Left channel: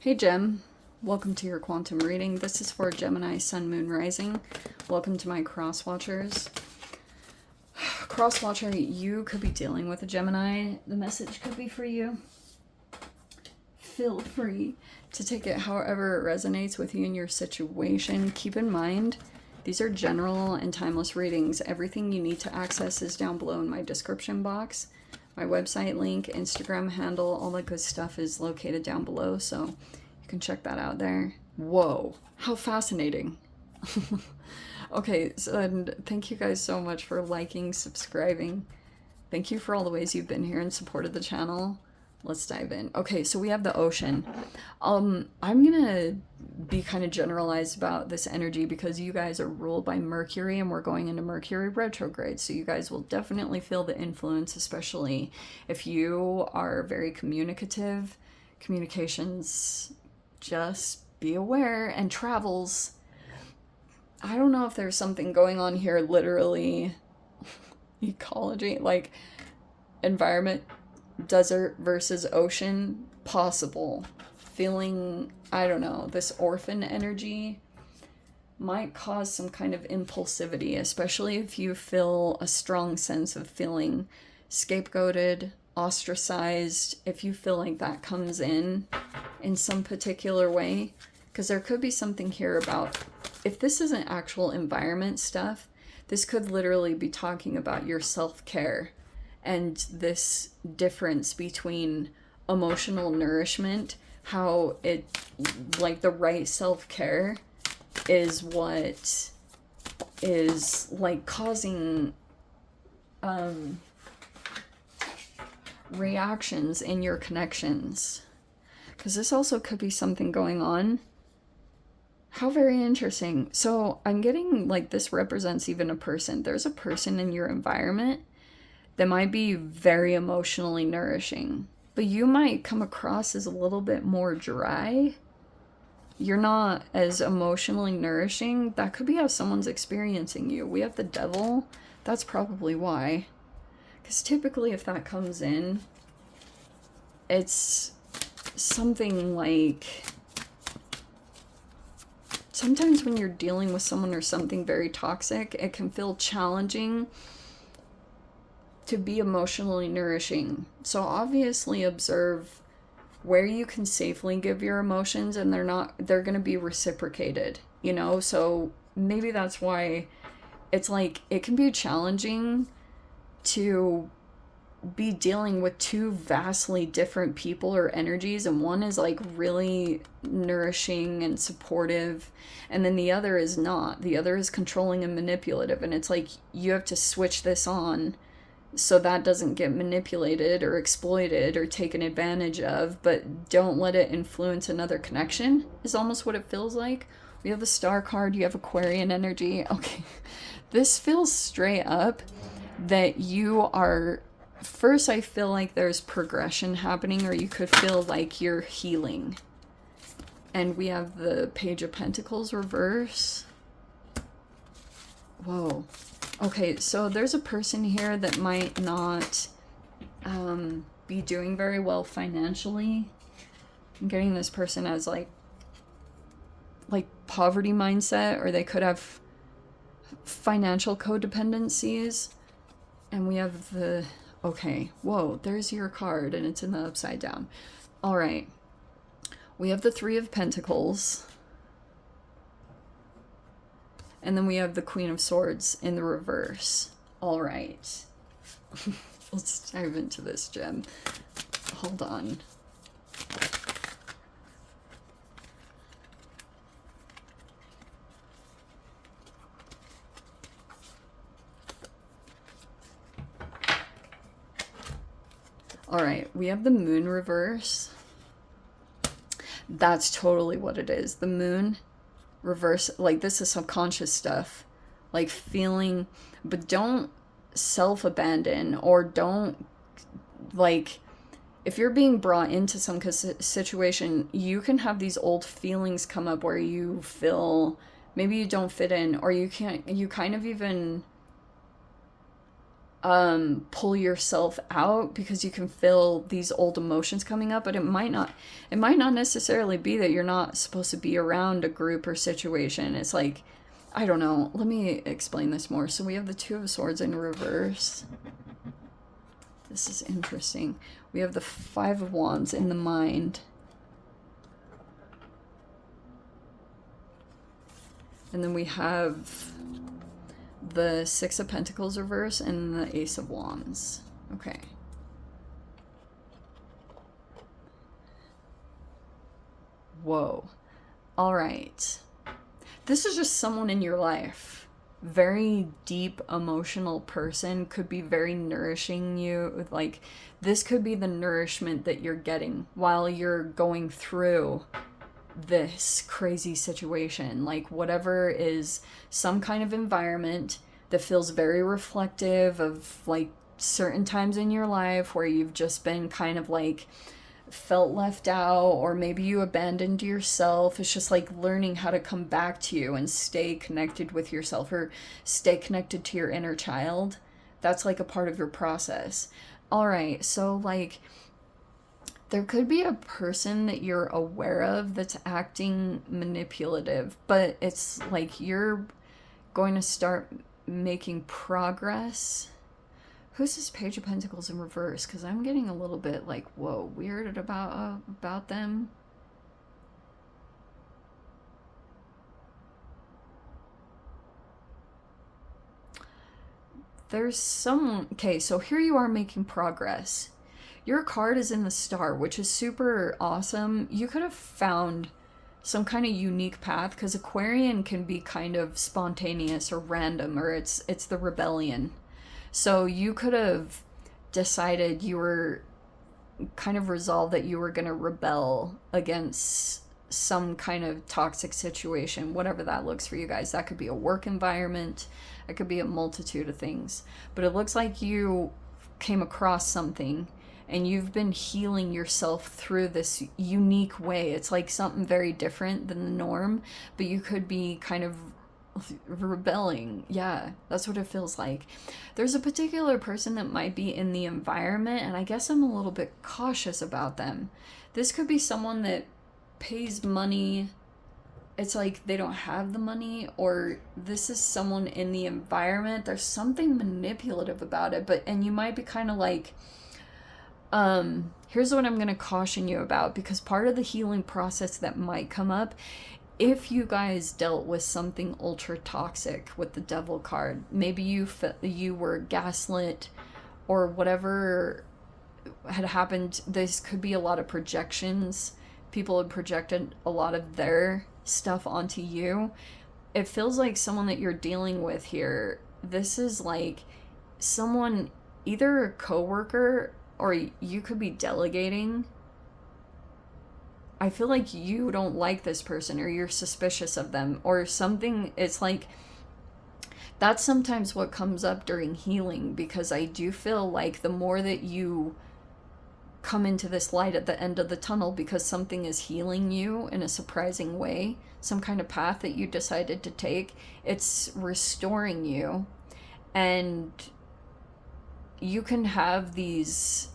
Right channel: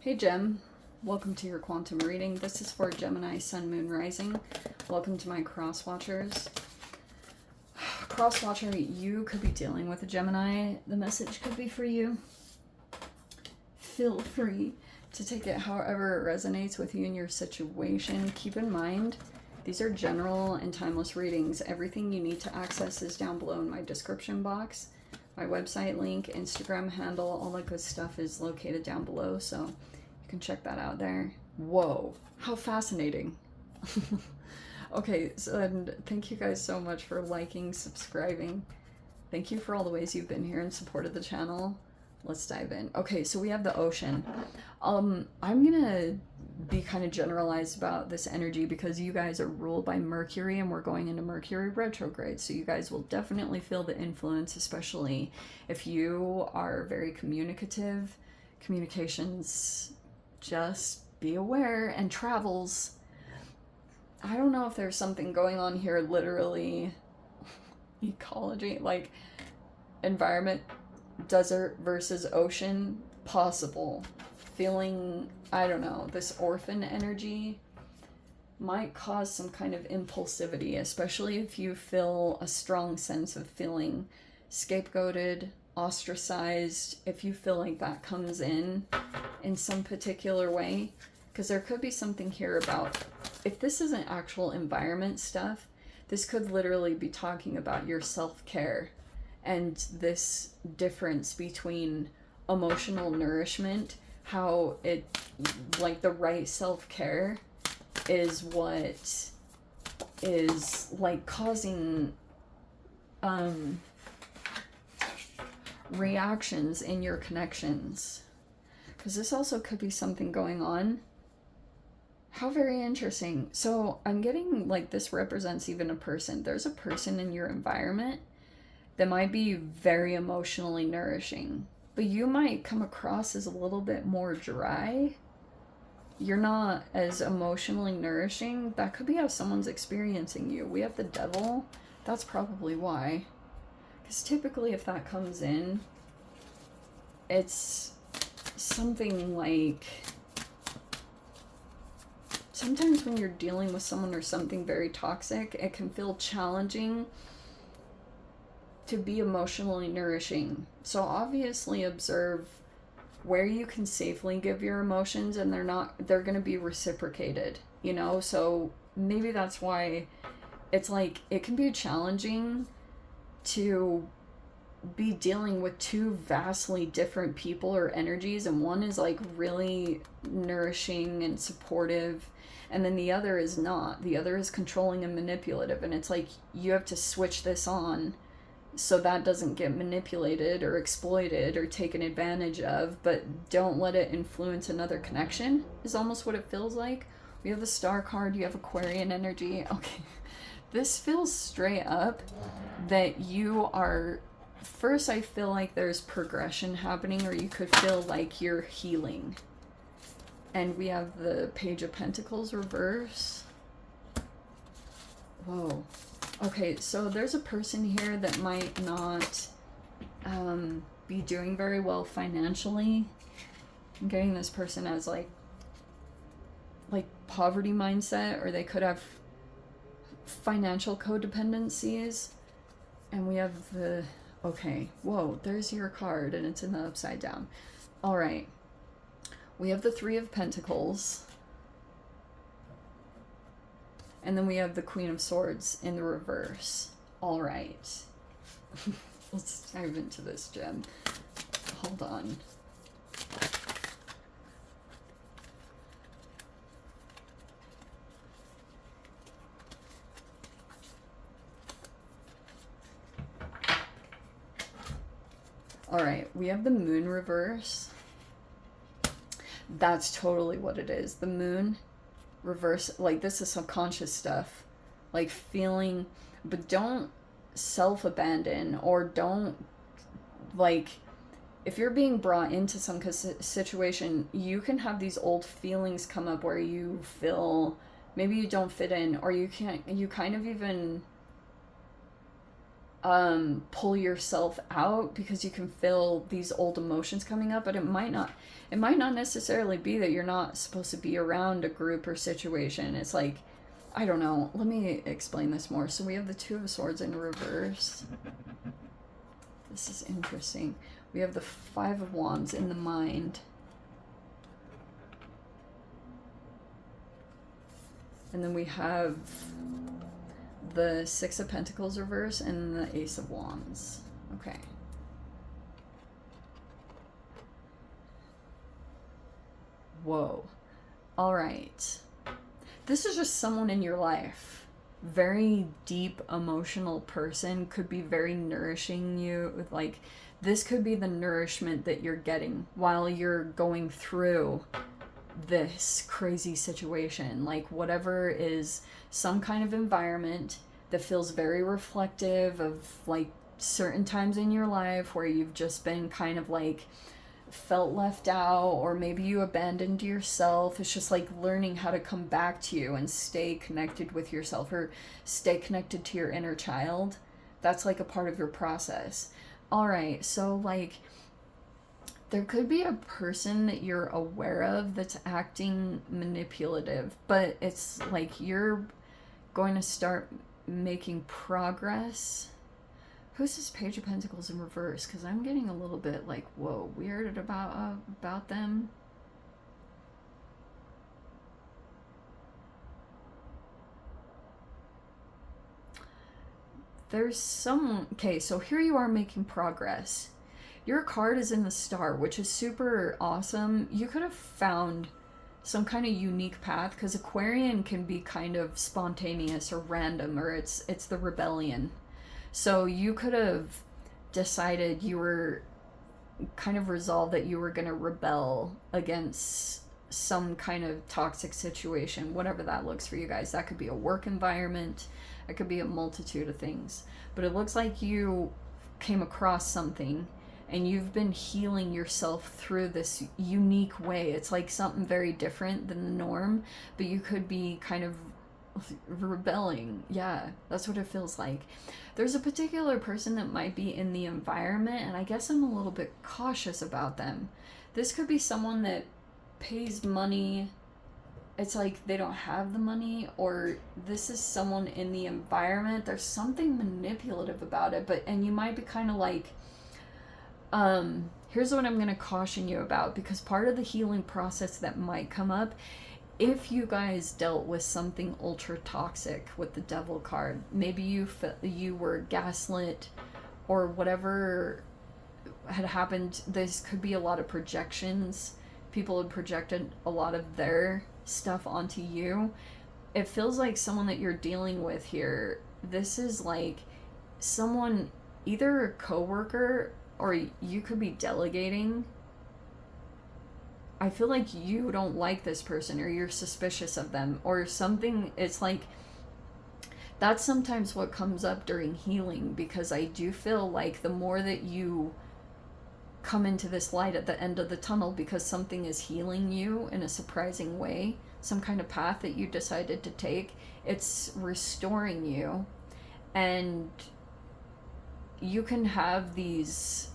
Hey Gem, welcome to your quantum reading. This is for Gemini, Sun, Moon, Rising. Welcome to my cross watchers. Cross watcher, you could be dealing with a Gemini. The message could be for you. Feel free to take it however it resonates with you in your situation. Keep in mind, these are general and timeless readings. Everything you need to access is down below in my description box. My website link, Instagram handle, all that good stuff is located down below, so you can check that out there. Whoa, how fascinating. Okay, so and thank you guys so much for liking, subscribing. Thank you for all the ways you've been here and supported the channel. Let's dive in. Okay, so we have the ocean. I'm gonna be kind of generalized about this energy because you guys are ruled by Mercury and we're going into Mercury Retrograde. So you guys will definitely feel the influence, especially if you are very communicative. Communications, just be aware, and travels. I don't know if there's something going on here, literally, ecology, like environment, desert versus ocean, possible. Feeling, I don't know, this orphan energy might cause some kind of impulsivity, especially if you feel a strong sense of feeling scapegoated, ostracized, if you feel like that comes in some particular way. Because there could be something here about, if this isn't actual environment stuff, this could literally be talking about your self-care and this difference between emotional nourishment, how it, like the right self-care is what is like causing reactions in your connections. Because this also could be something going on. How very interesting. So I'm getting like this represents even a person. There's a person in your environment that might be very emotionally nourishing, but you might come across as a little bit more dry. You're not as emotionally nourishing. That could be how someone's experiencing you. We have the devil. That's probably why. Because typically if that comes in, it's something like, sometimes when you're dealing with someone or something very toxic, it can feel challenging to be emotionally nourishing. So obviously observe where you can safely give your emotions and they're going to be reciprocated, you know? So maybe that's why it's like, it can be challenging to be dealing with two vastly different people or energies, and one is like really nourishing and supportive, and then the other is not. The other is controlling and manipulative, and it's like you have to switch this on so that doesn't get manipulated or exploited or taken advantage of, but don't let it influence another connection, is almost what it feels like. We have the Star card, you have Aquarian energy. Okay, this feels straight up that you are, first I feel like there's progression happening, or you could feel like you're healing. And we have the Page of Pentacles reverse. Whoa. Okay, so there's a person here that might not be doing very well financially. I'm getting this person as like poverty mindset, or they could have financial codependencies. And we have the, okay, whoa, there's your card and it's in the upside down. All right, we have the Three of Pentacles. And then we have the Queen of Swords in the reverse. All right. Let's dive into this, Gem. Hold on. All right, we have the Moon reverse. That's totally what it is. The Moon reverse, like this is subconscious stuff, like feeling, but don't self-abandon, or don't, like, if you're being brought into some situation, you can have these old feelings come up where you feel maybe you don't fit in, or you can't, you kind of even pull yourself out because you can feel these old emotions coming up, but it might not necessarily be that you're not supposed to be around a group or situation. It's like, I don't know, let me explain this more. So we have the Two of Swords in reverse. This is interesting. We have the Five of Wands in the mind. And then we have the Six of Pentacles reverse and the Ace of Wands. Okay. Whoa. All right. This is just someone in your life. Very deep emotional person, could be very nourishing you. Like, this could be the nourishment that you're getting while you're going through this crazy situation. Like, whatever is some kind of environment that feels very reflective of like certain times in your life where you've just been kind of like felt left out, or maybe you abandoned yourself. It's just like learning how to come back to you and stay connected with yourself, or stay connected to your inner child. That's like a part of your process. All right, so like there could be a person that you're aware of that's acting manipulative, but it's like you're going to start making progress. Who's this Page of Pentacles in reverse? Because I'm getting a little bit like, whoa, weirded about them. There's some... Okay, so here you are making progress. Your card is in the Star, which is super awesome. You could have found some kind of unique path, because Aquarian can be kind of spontaneous or random, or it's the rebellion. So you could have decided, you were kind of resolved that you were going to rebel against some kind of toxic situation, whatever that looks for you guys. That could be a work environment. It could be a multitude of things. But it looks like you came across something and you've been healing yourself through this unique way. It's like something very different than the norm, but you could be kind of rebelling. Yeah, that's what it feels like. There's a particular person that might be in the environment, and I guess I'm a little bit cautious about them. This could be someone that pays money. It's like they don't have the money, or this is someone in the environment. There's something manipulative about it, and you might be kind of like, here's what I'm going to caution you about, because part of the healing process that might come up, if you guys dealt with something ultra toxic with the Devil card, maybe you were gaslit or whatever had happened. This could be a lot of projections. People had projected a lot of their stuff onto you. It feels like someone that you're dealing with here, this is like someone, either a coworker, or you could be delegating. I feel like you don't like this person, or you're suspicious of them, or something. It's like, that's sometimes what comes up during healing, because I do feel like the more that you come into this light at the end of the tunnel, because something is healing you in a surprising way, some kind of path that you decided to take, it's restoring you. And you can have these,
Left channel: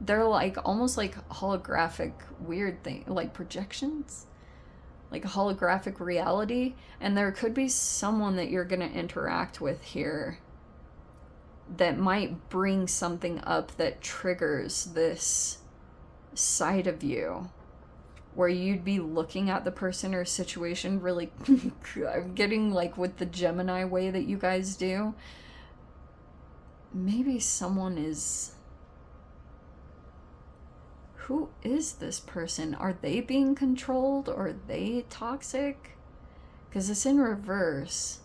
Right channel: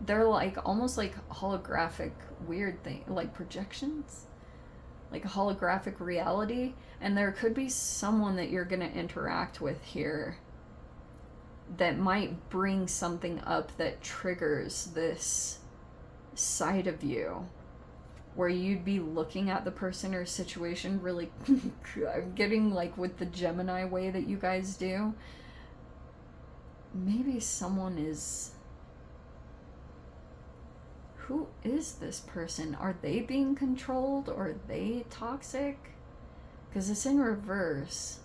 they're like almost like holographic weird thing, like projections, like a holographic reality. And there could be someone that you're going to interact with here that might bring something up that triggers this side of you, where you'd be looking at the person or situation really I'm getting like with the Gemini way that you guys do. Maybe someone is... Who is this person? Are they being controlled, or are they toxic? Because it's in reverse.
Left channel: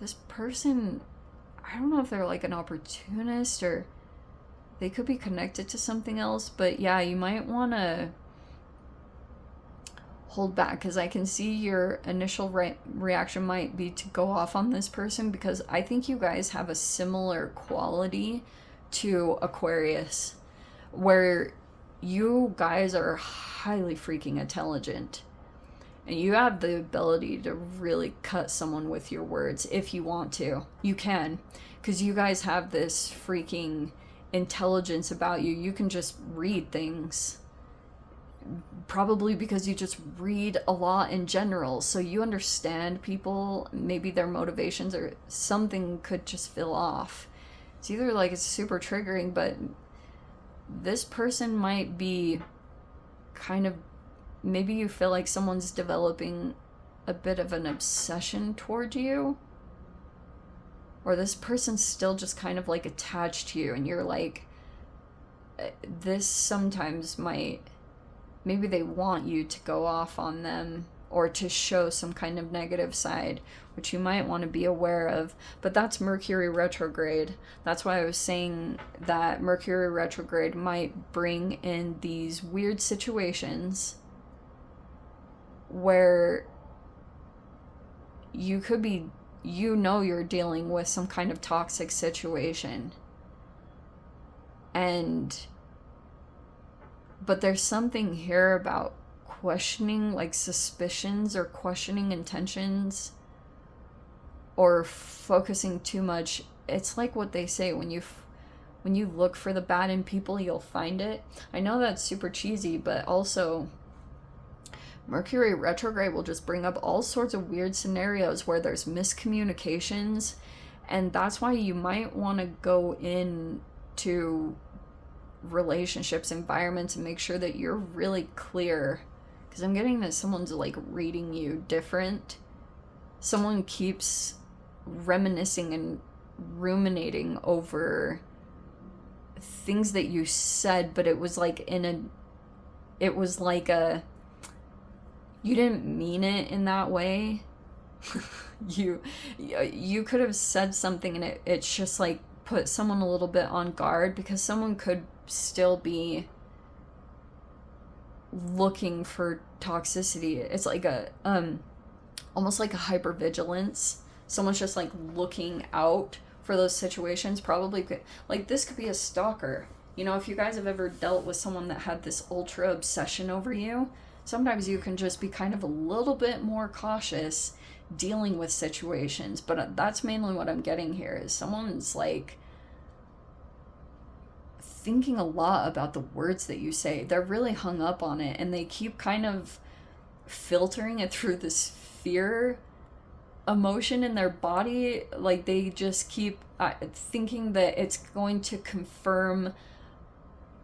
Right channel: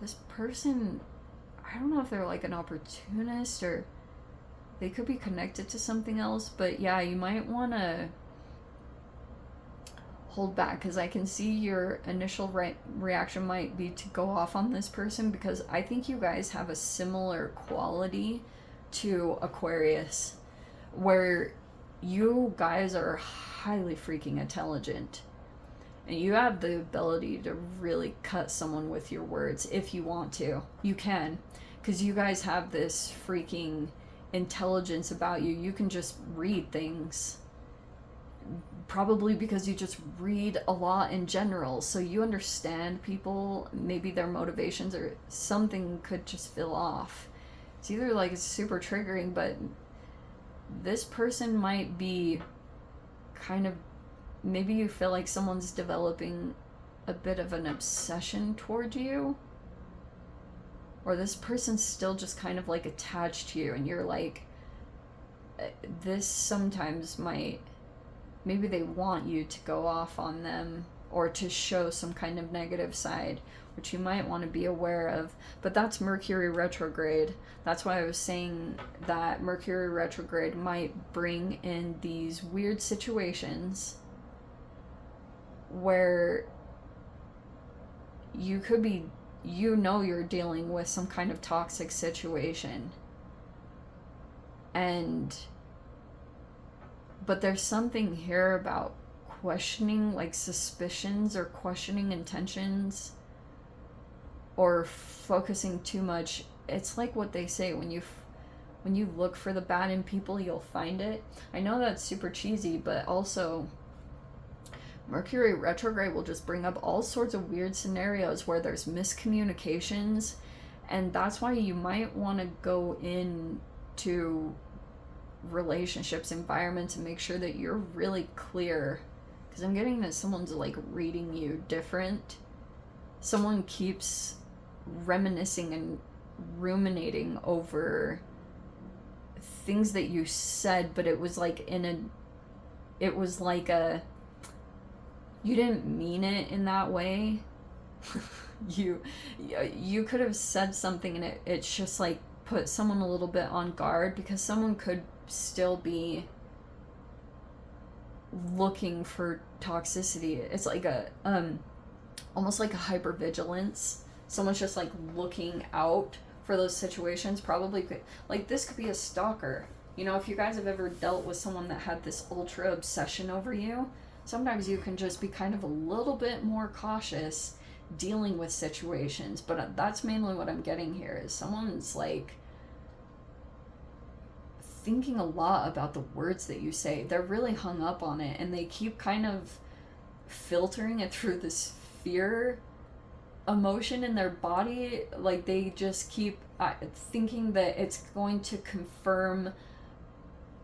This person, I don't know if they're like an opportunist, or they could be connected to something else. But yeah, you might want to hold back, because I can see your initial reaction might be to go off on this person, because I think you guys have a similar quality to Aquarius, where you guys are highly freaking intelligent, and you have the ability to really cut someone with your words if you want to. You can, because you guys have this freaking intelligence about you. You can just read things. Probably because you just read a lot in general. So you understand people, maybe their motivations or something could just feel off. It's either like it's super triggering, but this person might be kind of, maybe you feel like someone's developing a bit of an obsession toward you. Or this person's still just kind of like attached to you, and you're like, this sometimes might, maybe they want you to go off on them or to show some kind of negative side, which you might want to be aware of. But that's Mercury retrograde. That's why I was saying that Mercury retrograde might bring in these weird situations where you could be, you know, you're dealing with some kind of toxic situation. But there's something here about questioning, like suspicions or questioning intentions or focusing too much. It's like what they say, when you look for the bad in people, you'll find it. I know that's super cheesy, but also Mercury retrograde will just bring up all sorts of weird scenarios where there's miscommunications, and that's why you might want to go into relationships, environments, and make sure that you're really clear, because I'm getting that someone's like reading you different. Someone keeps reminiscing and ruminating over things that you said, but it was like you didn't mean it in that way. you could have said something and it's just like put someone a little bit on guard, because someone could still be looking for toxicity. It's like a almost like a hypervigilance. Someone's just like looking out for those situations. Probably could, like, this could be a stalker. You know, if you guys have ever dealt with someone that had this ultra obsession over you, sometimes you can just be kind of a little bit more cautious dealing with situations. But that's mainly what I'm getting here, is someone's like thinking a lot about the words that you say. They're really hung up on it, and they keep kind of filtering it through this fear emotion in their body. Like, they just keep thinking that it's going to confirm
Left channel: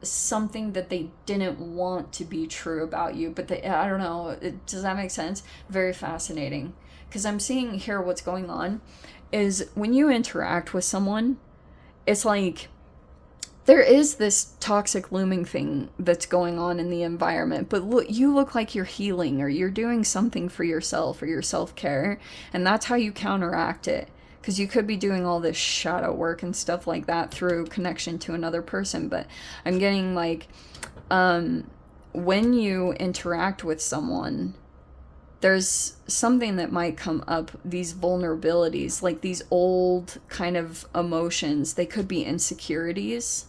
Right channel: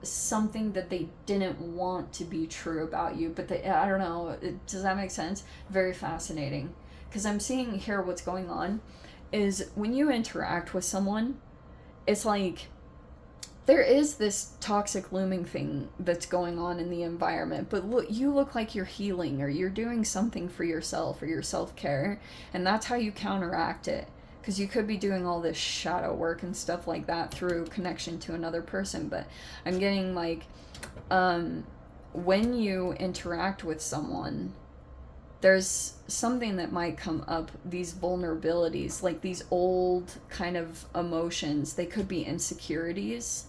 something that they didn't want to be true about you. But I don't know, does that make sense? Very fascinating, because I'm seeing here what's going on is when you interact with someone, it's like there is this toxic looming thing that's going on in the environment, but you look like you're healing or you're doing something for yourself or your self-care, and that's how you counteract it. Because you could be doing all this shadow work and stuff like that through connection to another person. But I'm getting like, when you interact with someone, there's something that might come up, these vulnerabilities, like these old kind of emotions. They could be insecurities.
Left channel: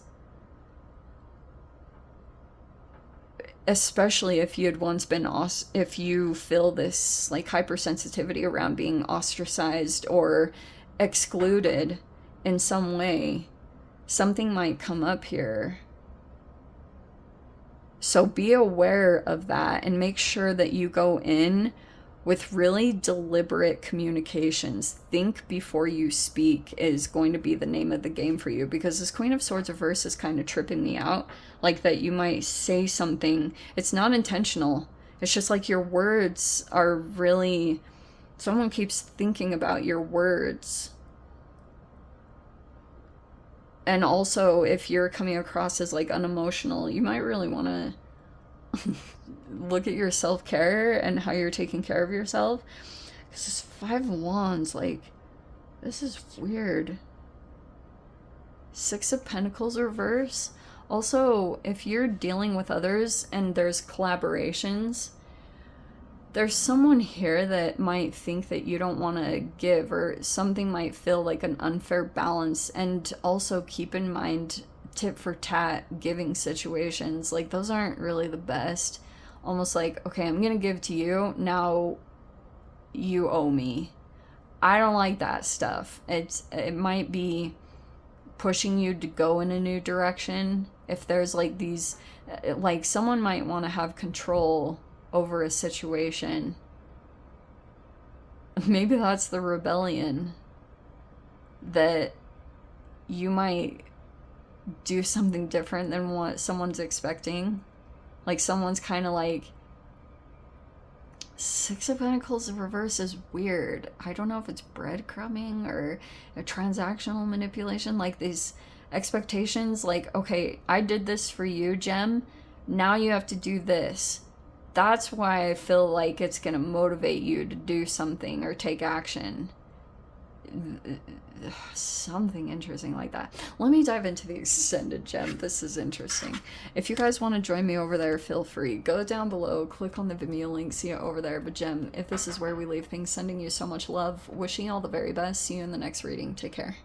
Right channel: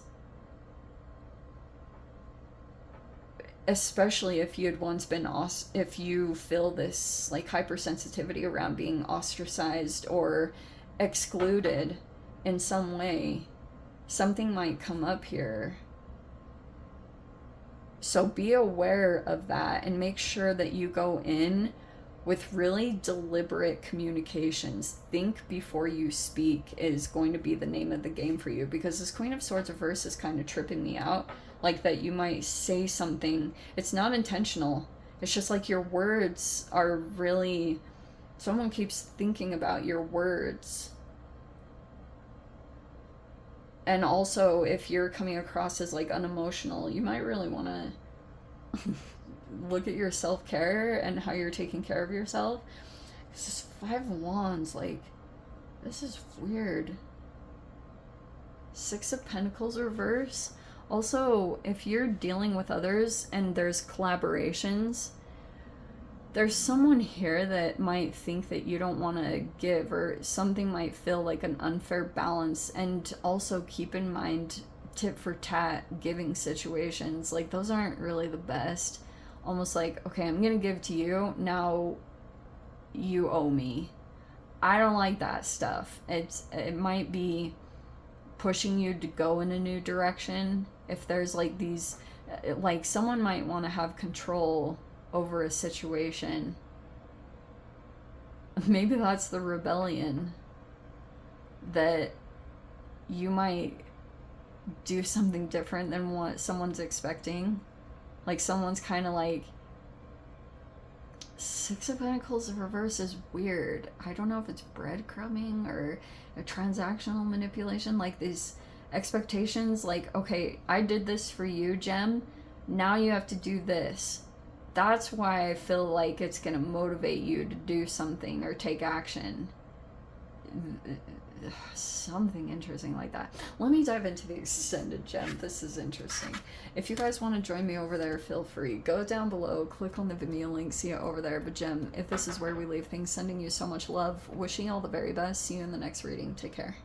Especially if you had once been, if you feel this like hypersensitivity around being ostracized or excluded in some way, something might come up here. So be aware of that and make sure that you go in with really deliberate communications. Think before you speak is going to be the name of the game for you, because this Queen of Swords reverse is kind of tripping me out. Like that you might say something, it's not intentional. It's just like your words are really, someone keeps thinking about your words. And also, if you're coming across as like unemotional, you might really want to look at your self-care and how you're taking care of yourself. Because this 5 of Wands, like, this is weird. 6 of Pentacles reverse. Also, if you're dealing with others and there's collaborations, there's someone here that might think that you don't want to give, or something might feel like an unfair balance. And also keep in mind, tit for tat giving situations, like those aren't really the best. Almost like, okay, I'm gonna give to you, now you owe me. I don't like that stuff. It might be pushing you to go in a new direction. If there's like these, like someone might want to have control over a situation. Maybe that's the rebellion, that you might do something different than what someone's expecting. Like someone's kind of like, Six of Pentacles in reverse is weird. I don't know if it's breadcrumbing or a transactional manipulation. Like these expectations, like, okay, I did this for you, Gem. Now you have to do this. That's why I feel like it's going to motivate you to do something or take action. Something interesting like that. Let me dive into the extended gem. This is interesting. If you guys want to join me over there, feel free. Go down below, click on the Vimeo link, see it over there. But Gem, if this is where we leave things, sending you so much love, wishing you all the very best. See you in the next reading. Take care.